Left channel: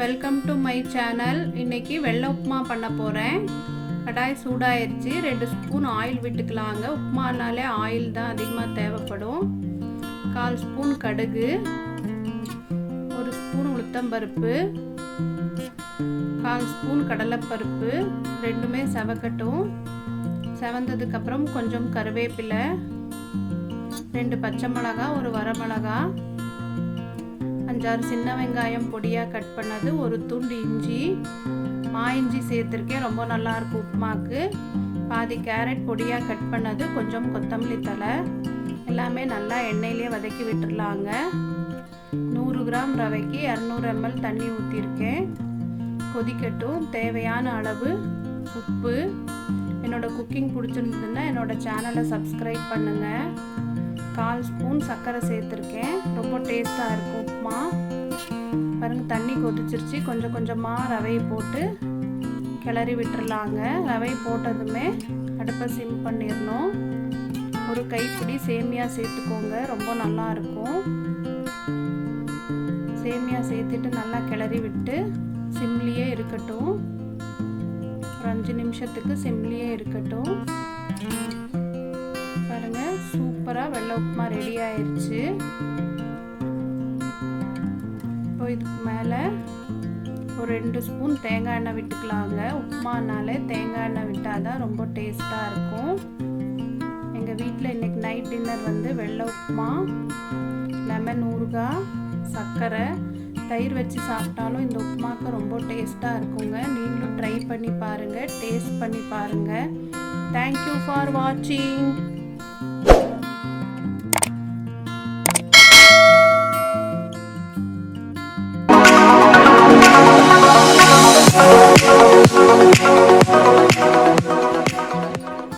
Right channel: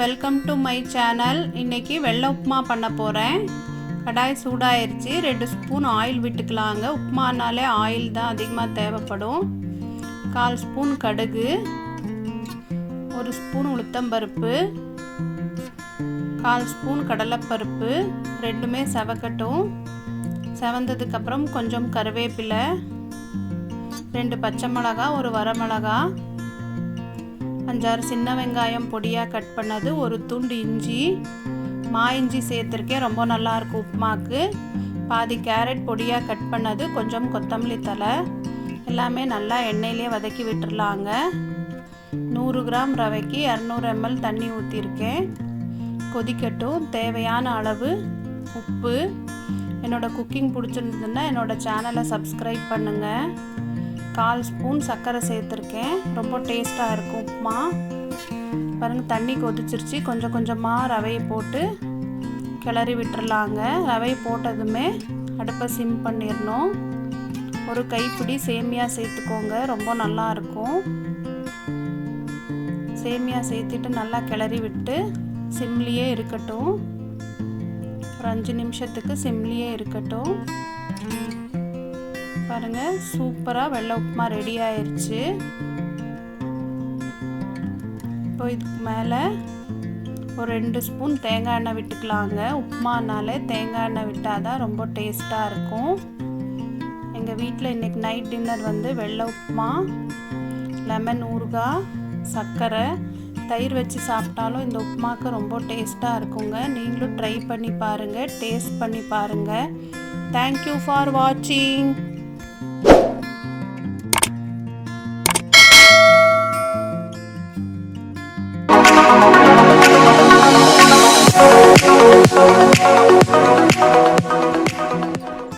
Welcome to my channel. இன்றைக்கி வெள்ளை உப்புமா பண்ண போகிறேன். கடாய் சூடாயிருச்சு. 2 ஸ்பூன் ஆயில் விட்டுக்கலாங்க. உப்புமானாலே ஆயில் தான் அதிகமாக தேவைப்படும். 1/4 ஸ்பூன் கடுகு, 1 ஸ்பூன் உளுத்தம்பருப்பு, 1/4 ஸ்பூன் கடலைப்பருப்பு, ரெண்டுமே செவக்கட்டும். செவந்ததுக்கப்புறம் கொஞ்சம் கருவேப்பிலை, 2 பச்சை மிளகா, 1 வரமிளகா, 5-6 சின்ன வெங்காயம் பொடியாக கட் பண்ணது, 1 துண்டு இஞ்சி, இஞ்சி சேர்த்துருக்கேன், ரொம்ப நல்லாயிருக்கும் உப்புமாக்கு. பாதி கேரட் பொடியாக கட் பண்ணது, கொஞ்சம் கொத்தமல்லி தழை, எல்லாமே நல்லா எண்ணெயிலே வதக்கி விட்டுறலாங்க. 100 கிராம் ரவைக்கு 200 ml தண்ணி ஊற்றிருக்கேன். கொதிக்கட்டும். தேவையான அளவு உப்பு. என்னோடய குக்கிங் பிடிச்சிருந்ததுன்னா என்னோடய சேனலை சப்ஸ்கிரைப் பண்ணுங்கள். 1/4 ஸ்பூன் சர்க்கரை சேர்த்துருக்கேன். ரொம்ப டேஸ்ட்டாக இருக்கும் உப்புமா. பாருங்கள், தண்ணி கொதிச்சிருச்சு. கொஞ்சம் கொஞ்சமாக ரவையை போட்டு கிளறி விட்டுறலாங்க. ரவை போட்டதுமே அடுப்பை சிம் பண்ணிடணும். ஒரு கைப்பிடி சேமியா சேர்த்துக்கோங்க, ரொம்ப நல்லாயிருக்கும். சேமியா சேர்த்துட்டு நல்லா கிளறி விட்டு சிம்லேயே இருக்கட்டும். ஒரு 5 நிமிஷத்துக்கு சிம்லேயே இருக்கட்டும். பாருங்கள், சூப்பராக வெள்ளை உப்புமா ரெடி ஆயிடுச்சு. இப்போ இதுக்கு மேலே ஒரு 2 ஸ்பூன் தேங்காய் எண்ணெய் விட்டுக்கலாங்க. உப்புமானாலே தேங்காய் எண்ணெய் விட்டால் தான் ரொம்ப டேஸ்ட்டாக இருக்கும். எங்கள் வீட்டில் இன்றைக்கி நைட் டின்னர் வந்து வெள்ளை உப்புமா, லெமன் ஊறுகாய், சர்க்கரை, தயிர் வச்சு சாப்பிட்டாலும் இந்த உப்புமாவுக்கு ரொம்ப டேஸ்ட்டாக இருக்குங்க. நீங்களும் ட்ரை பண்ணி பாருங்கள், டேஸ்ட் பண்ணி பாருங்கள். தேங்க்யூ ஃபார் வாட்சிங்.